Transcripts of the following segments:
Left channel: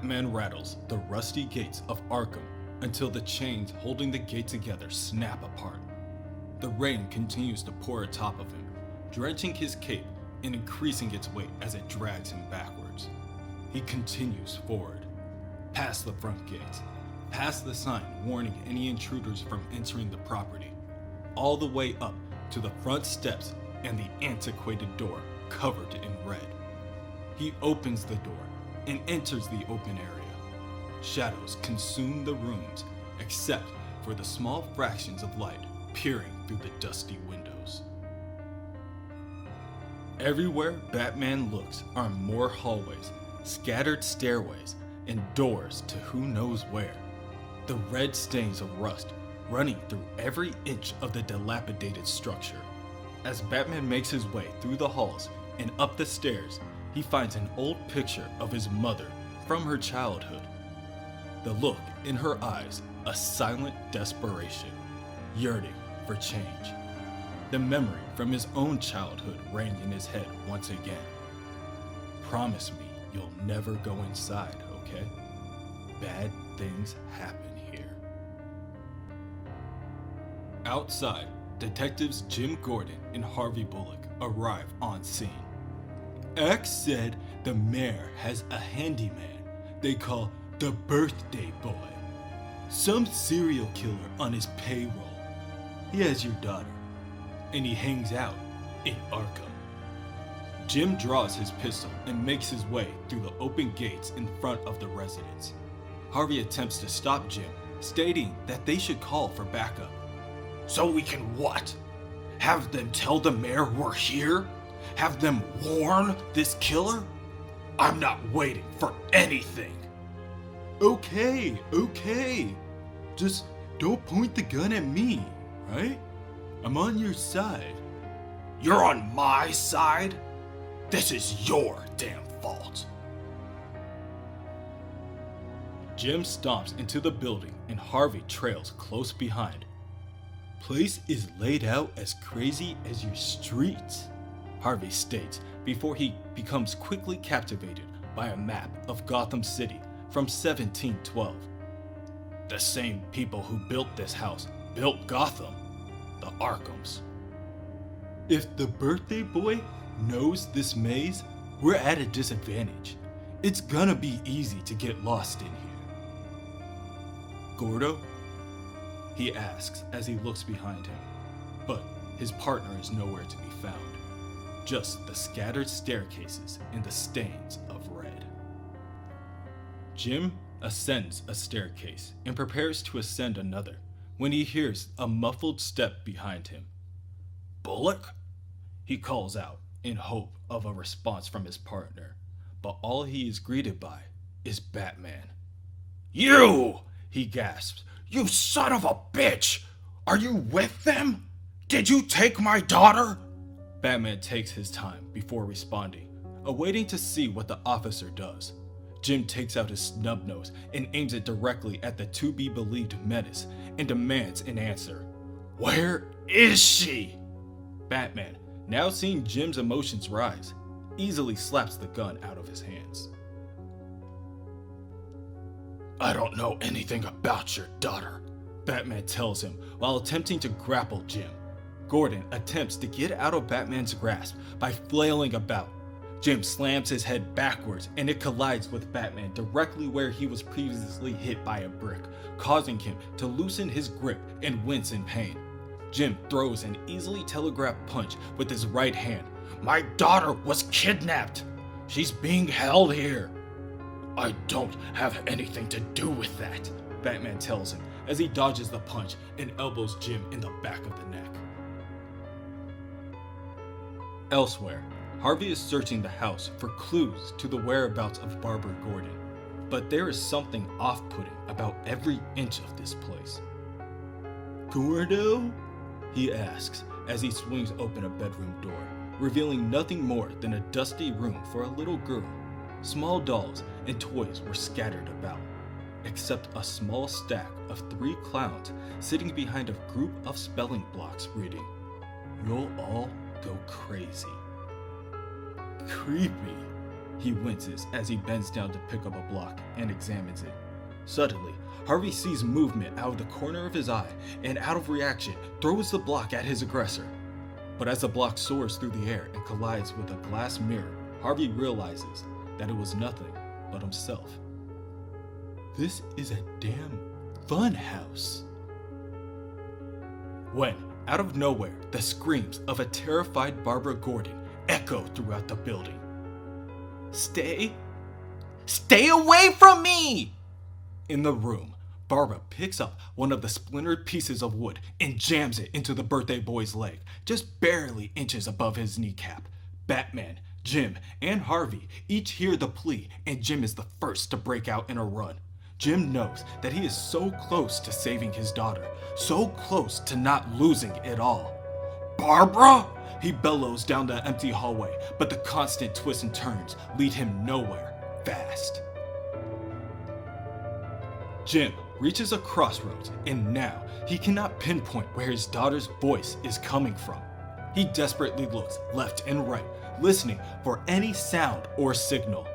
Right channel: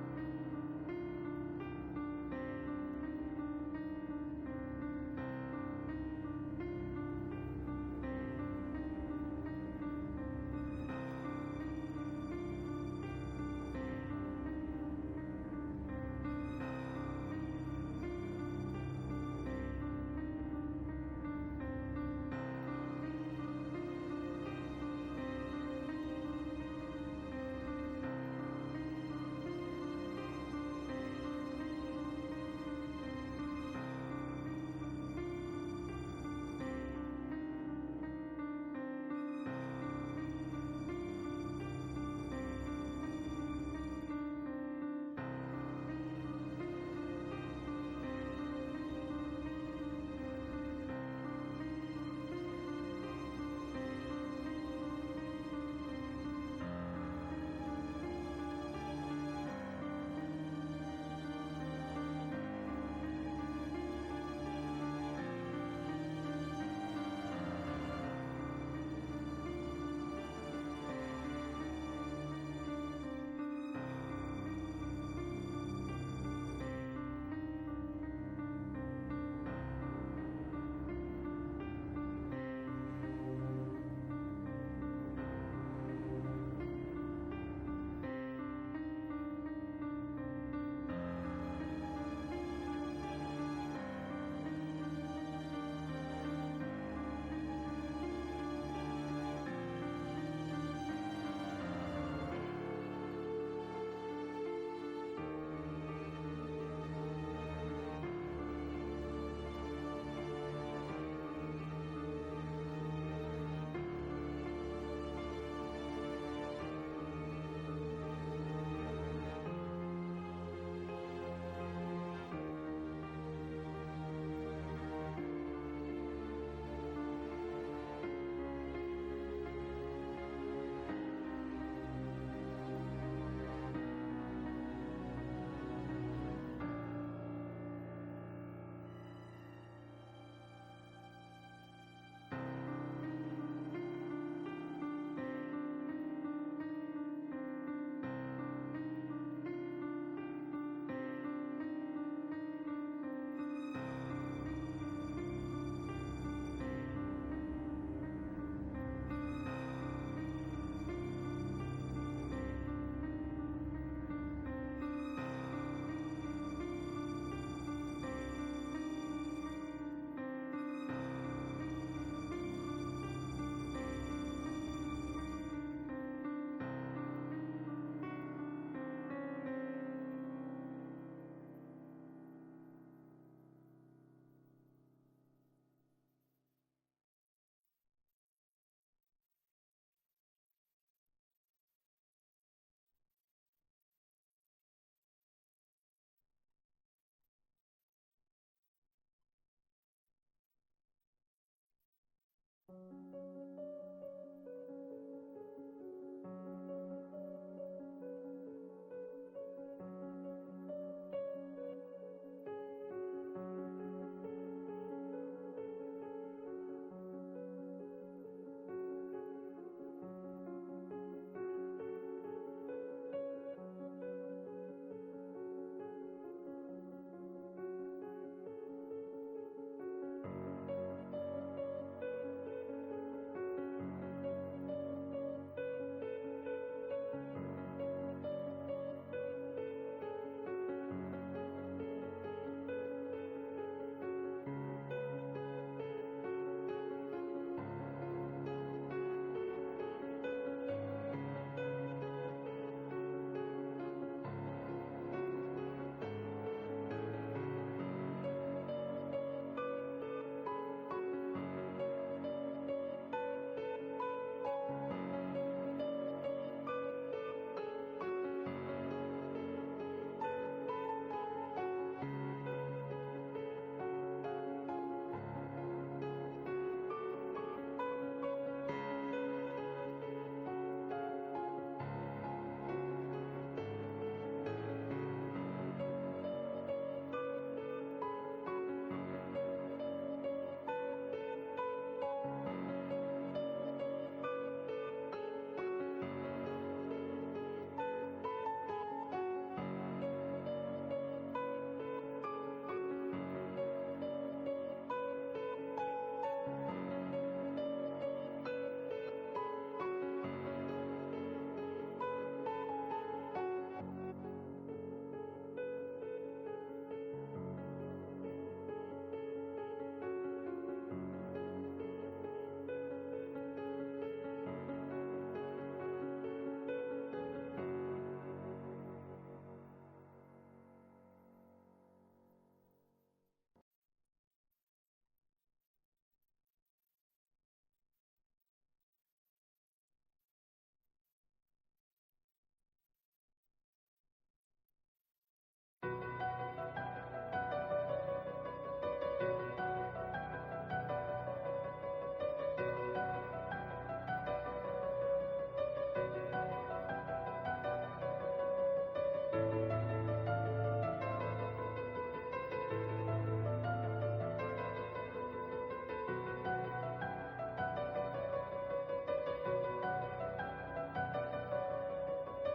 Batman rattles the rusty gates of Arkham until the chains holding the gate together snap apart. The rain continues to pour atop of him, drenching his cape and increasing its weight as it drags him backwards. He continues forward, past the front gates, past the sign warning any intruders from entering the property, all the way up to the front steps and the antiquated door covered in red. He opens the door and enters the open area. Shadows consume the rooms except for the small fractions of light peering through the dusty windows. Everywhere Batman looks are more hallways, scattered stairways, and doors to who knows where. The red stains of rust running through every inch of the dilapidated structure. As Batman makes his way through the halls and up the stairs, he finds an old picture of his mother from her childhood. The look in her eyes, a silent desperation, yearning for change. The memory from his own childhood rang in his head once again. Promise me you'll never go inside, okay? Bad things happen here. Outside, detectives Jim Gordon and Harvey Bullock arrive on scene. X said the mayor has a handyman they call the birthday boy. Some serial killer on his payroll. He has your daughter, and he hangs out in Arkham. Jim draws his pistol and makes his way through the open gates in front of the residence. Harvey attempts to stop Jim, stating that they should call for backup. So we can what? Have them tell the mayor we're here? Have them warn this killer? I'm not waiting for anything. Okay. Just don't point the gun at me, right? I'm on your side. You're on my side? This is your damn fault. Jim stomps into the building and Harvey trails close behind. Place is laid out as crazy as your streets, Harvey states before he becomes quickly captivated by a map of Gotham City from 1712. The same people who built this house built Gotham, the Arkhams. If the birthday boy knows this maze, we're at a disadvantage. It's gonna be easy to get lost in here. Gordo? He asks as he looks behind him, but his partner is nowhere to be found. Just the scattered staircases and the stains of red. Jim ascends a staircase and prepares to ascend another when he hears a muffled step behind him. Bullock? He calls out in hope of a response from his partner, but all he is greeted by is Batman. You! He gasps. You son of a bitch! Are you with them? Did you take my daughter? Batman takes his time before responding, awaiting to see what the officer does. Jim takes out his snub nose and aims it directly at the to-be-believed menace and demands an answer. Where is she? Batman, now seeing Jim's emotions rise, easily slaps the gun out of his hands. I don't know anything about your daughter, Batman tells him while attempting to grapple Jim. Gordon attempts to get out of Batman's grasp by flailing about. Jim slams his head backwards and it collides with Batman directly where he was previously hit by a brick, causing him to loosen his grip and wince in pain. Jim throws an easily telegraphed punch with his right hand. My daughter was kidnapped. She's being held here. I don't have anything to do with that, Batman tells him as he dodges the punch and elbows Jim in the back of the neck. Elsewhere, Harvey is searching the house for clues to the whereabouts of Barbara Gordon, but there is something off-putting about every inch of this place. Gordo? He asks as he swings open a bedroom door, revealing nothing more than a dusty room for a little girl. Small dolls and toys were scattered about, except a small stack of 3 clowns sitting behind a group of spelling blocks reading, "You'll all go crazy." Creepy, He winces as he bends down to pick up a block and examines it. Suddenly, Harvey sees movement out of the corner of his eye and, out of reaction, throws the block at his aggressor. But as the block soars through the air and collides with a glass mirror, Harvey realizes that it was nothing but himself. This is a damn fun house. When, out of nowhere, the screams of a terrified Barbara Gordon echo throughout the building. Stay away from me! In the room, Barbara picks up one of the splintered pieces of wood and jams it into the birthday boy's leg, just barely inches above his kneecap. Batman, Jim, and Harvey each hear the plea, and Jim is the first to break out in a run. Jim knows that he is so close to saving his daughter, so close to not losing it all. Barbara! He bellows down the empty hallway, but the constant twists and turns lead him nowhere fast. Jim reaches a crossroads, and now he cannot pinpoint where his daughter's voice is coming from. He desperately looks left and right, listening for any sound or signal.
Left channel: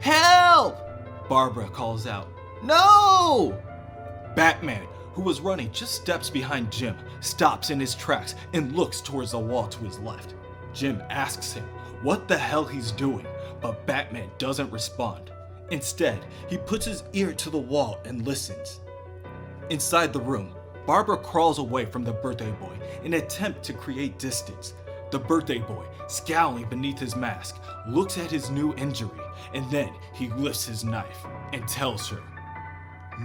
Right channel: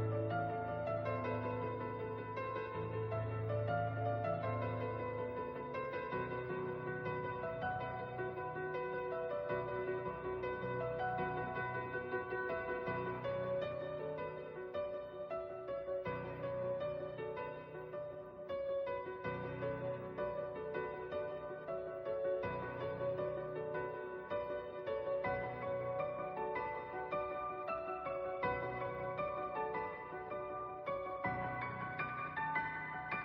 Help! Barbara calls out. No! Batman, who was running just steps behind Jim, stops in his tracks and looks towards the wall to his left. Jim asks him what the hell he's doing, but Batman doesn't respond. Instead, he puts his ear to the wall and listens. Inside the room, Barbara crawls away from the birthday boy in an attempt to create distance. The birthday boy, scowling beneath his mask, looks at his new injury, and then he lifts his knife and tells her,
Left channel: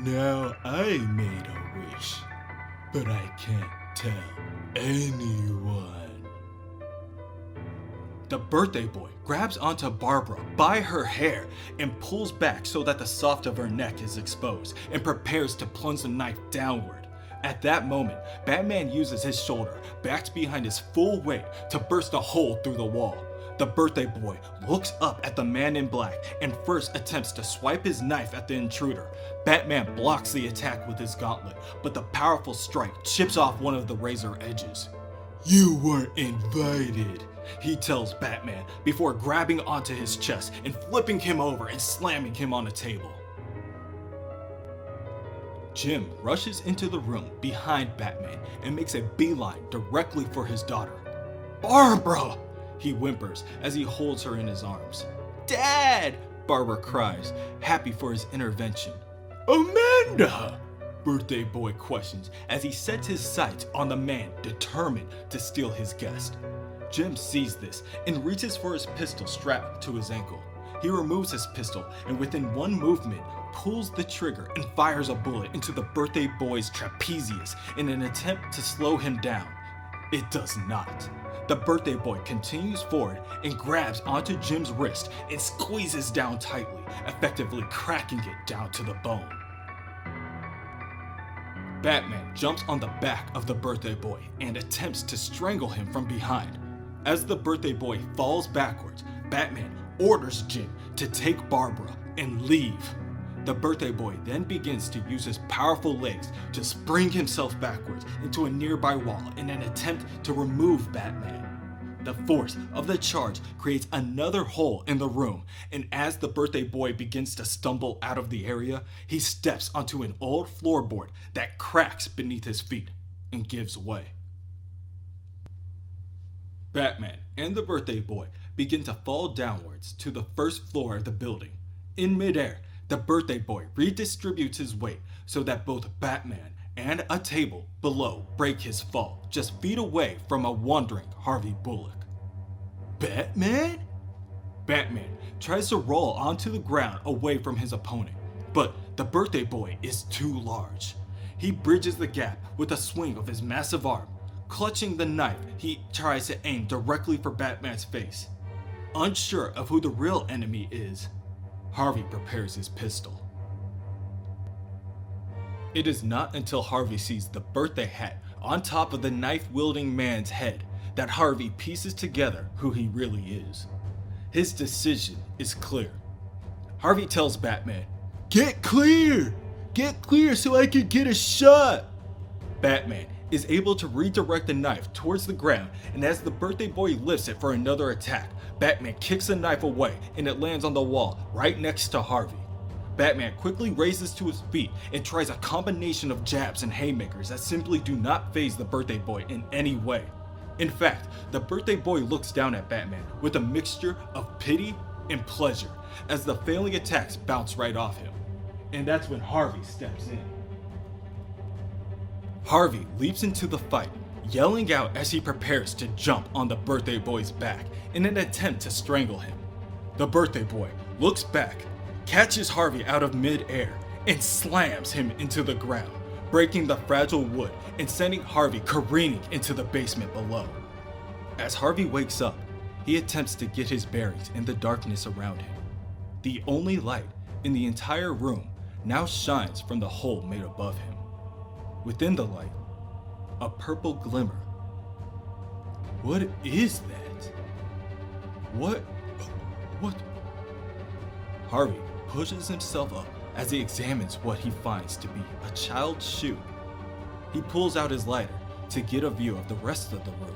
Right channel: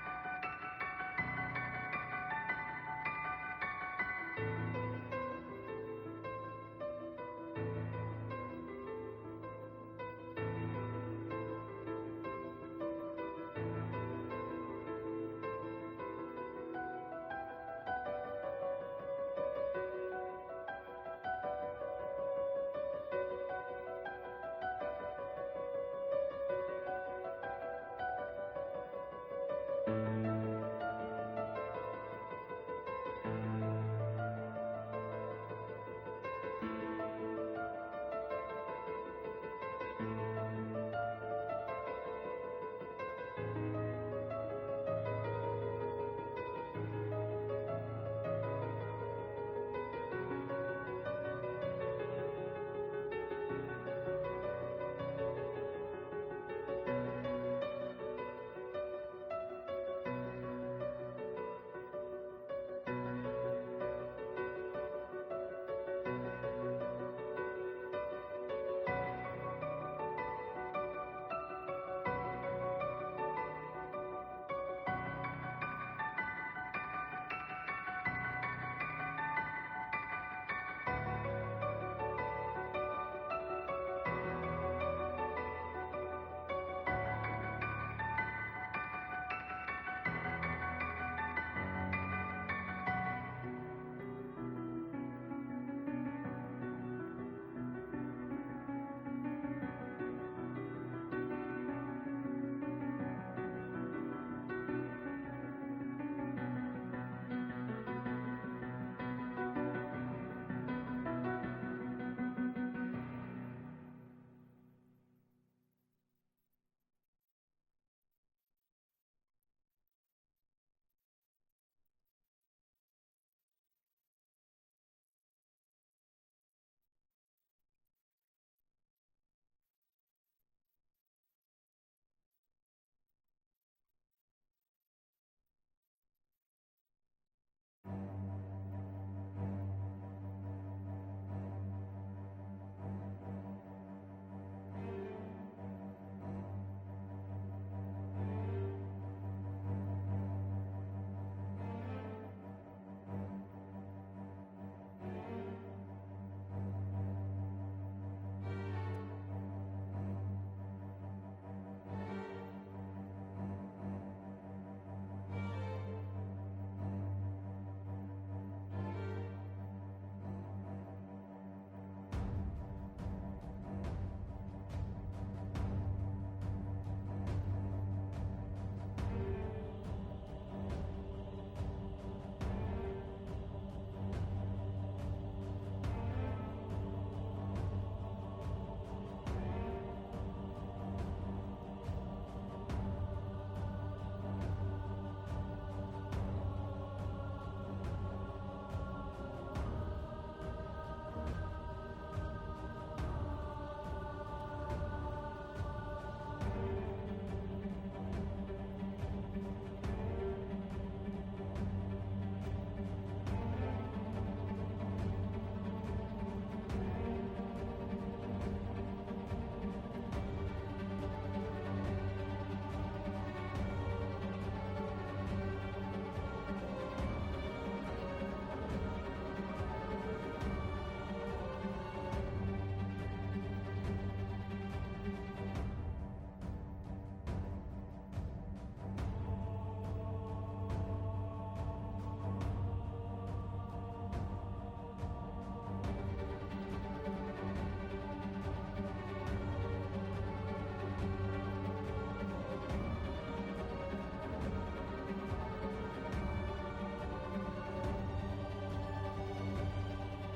"Now I made a wish, but I can't tell anyone." The birthday boy grabs onto Barbara by her hair and pulls back so that the soft of her neck is exposed and prepares to plunge the knife downward. At that moment, Batman uses his shoulder, backed behind his full weight, to burst a hole through the wall. The birthday boy looks up at the man in black and first attempts to swipe his knife at the intruder. Batman blocks the attack with his gauntlet, but the powerful strike chips off one of the razor edges. "You weren't invited," he tells Batman before grabbing onto his chest and flipping him over and slamming him on a table. Jim rushes into the room behind Batman and makes a beeline directly for his daughter. "Barbara!" he whimpers as he holds her in his arms. "Dad!" Barbara cries, happy for his intervention. "Amanda!" Birthday boy questions as he sets his sights on the man determined to steal his guest. Jim sees this and reaches for his pistol strapped to his ankle. He removes his pistol and within one movement pulls the trigger and fires a bullet into the birthday boy's trapezius in an attempt to slow him down. It does not. The birthday boy continues forward and grabs onto Jim's wrist and squeezes down tightly, effectively cracking it down to the bone. Batman jumps on the back of the birthday boy and attempts to strangle him from behind. As the birthday boy falls backwards, Batman orders Jim to take Barbara and leave. The birthday boy then begins to use his powerful legs to spring himself backwards into a nearby wall in an attempt to remove Batman. The force of the charge creates another hole in the room, and as the birthday boy begins to stumble out of the area, he steps onto an old floorboard that cracks beneath his feet and gives way. Batman and the birthday boy begin to fall downwards to the first floor of the building. In midair, the birthday boy redistributes his weight so that both Batman and a table below break his fall just feet away from a wandering Harvey Bullock. Batman? Batman tries to roll onto the ground away from his opponent, but the birthday boy is too large. He bridges the gap with a swing of his massive arm. Clutching the knife, he tries to aim directly for Batman's face. Unsure of who the real enemy is, Harvey prepares his pistol. It is not until Harvey sees the birthday hat on top of the knife-wielding man's head that Harvey pieces together who he really is. His decision is clear. Harvey tells Batman, "Get clear! Get clear so I can get a shot!" Batman is able to redirect the knife towards the ground, and as the birthday boy lifts it for another attack, Batman kicks the knife away and it lands on the wall right next to Harvey. Batman quickly raises to his feet and tries a combination of jabs and haymakers that simply do not faze the birthday boy in any way. In fact, the birthday boy looks down at Batman with a mixture of pity and pleasure as the failing attacks bounce right off him. And that's when Harvey steps in. Harvey leaps into the fight, yelling out as he prepares to jump on the birthday boy's back in an attempt to strangle him. The birthday boy looks back, catches Harvey out of mid-air, and slams him into the ground, breaking the fragile wood and sending Harvey careening into the basement below. As Harvey wakes up, he attempts to get his bearings in the darkness around him. The only light in the entire room now shines from the hole made above him. Within the light, a purple glimmer. What is that? What? Harvey pushes himself up as he examines what he finds to be a child's shoe. He pulls out his lighter to get a view of the rest of the room,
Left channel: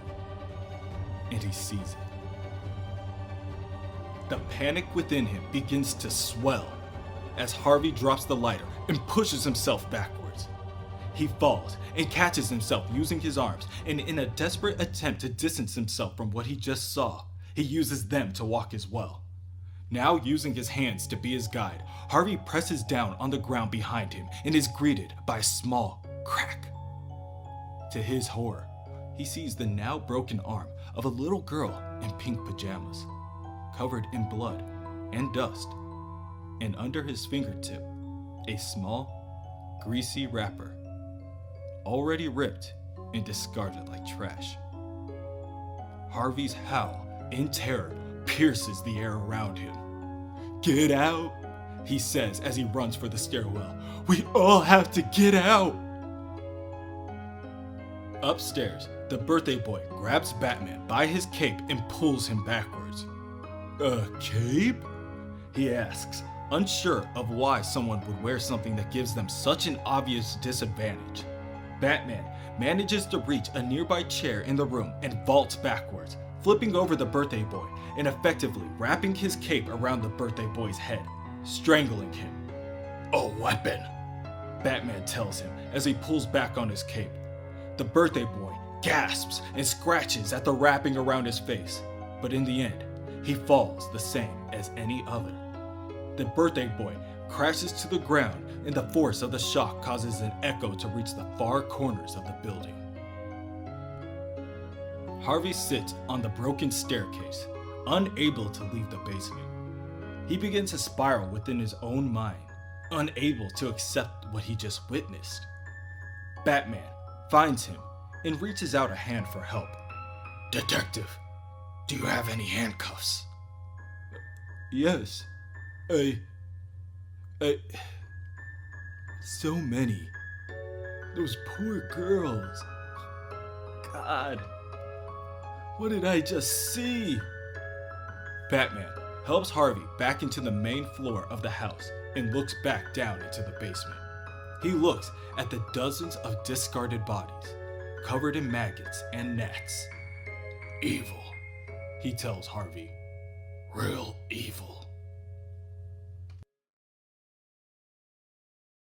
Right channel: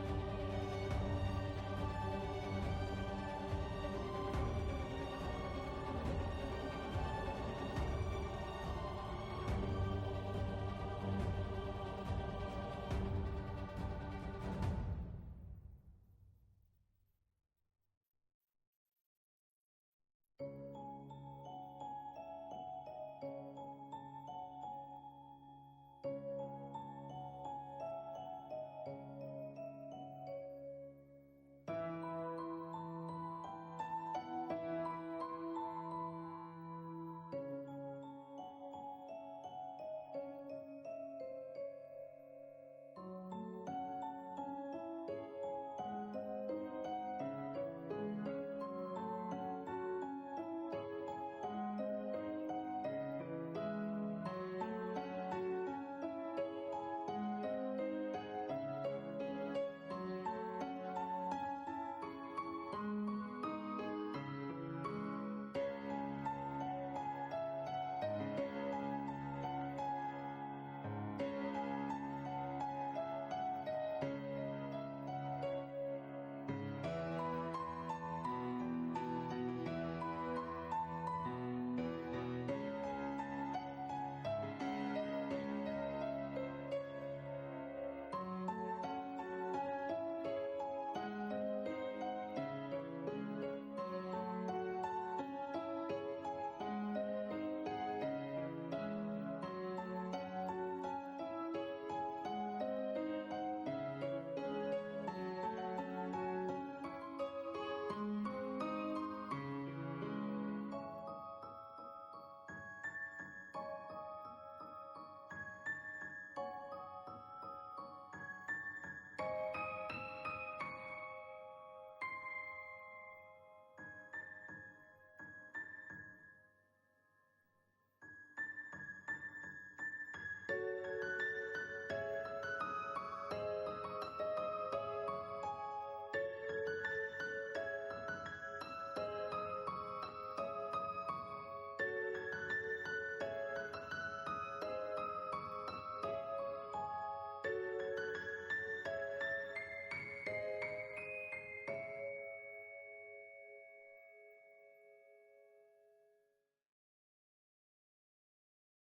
and he sees it. The panic within him begins to swell as Harvey drops the lighter and pushes himself backwards. He falls and catches himself using his arms, and in a desperate attempt to distance himself from what he just saw, he uses them to walk as well. Now using his hands to be his guide, Harvey presses down on the ground behind him and is greeted by a small crack. To his horror, he sees the now broken arm of a little girl in pink pajamas, covered in blood and dust, and under his fingertip, a small, greasy wrapper, already ripped and discarded like trash. Harvey's howl in terror pierces the air around him. "Get out," he says as he runs for the stairwell. "We all have to get out." Upstairs, the birthday boy grabs Batman by his cape and pulls him backwards. "A cape?" he asks, unsure of why someone would wear something that gives them such an obvious disadvantage. Batman manages to reach a nearby chair in the room and vaults backwards, flipping over the birthday boy and effectively wrapping his cape around the birthday boy's head, strangling him. "A weapon," Batman tells him as he pulls back on his cape. The birthday boy gasps and scratches at the wrapping around his face, but in the end, he falls the same as any other. The birthday boy crashes to the ground, and the force of the shock causes an echo to reach the far corners of the building. Harvey sits on the broken staircase, unable to leave the basement. He begins to spiral within his own mind, unable to accept what he just witnessed. Batman finds him and reaches out a hand for help. "Detective, do you have any handcuffs?" "Yes, so many. Those poor girls. God, what did I just see?" Batman helps Harvey back into the main floor of the house and looks back down into the basement. He looks at the dozens of discarded bodies, covered in maggots and gnats. "Evil," He tells Harvey. "real evil."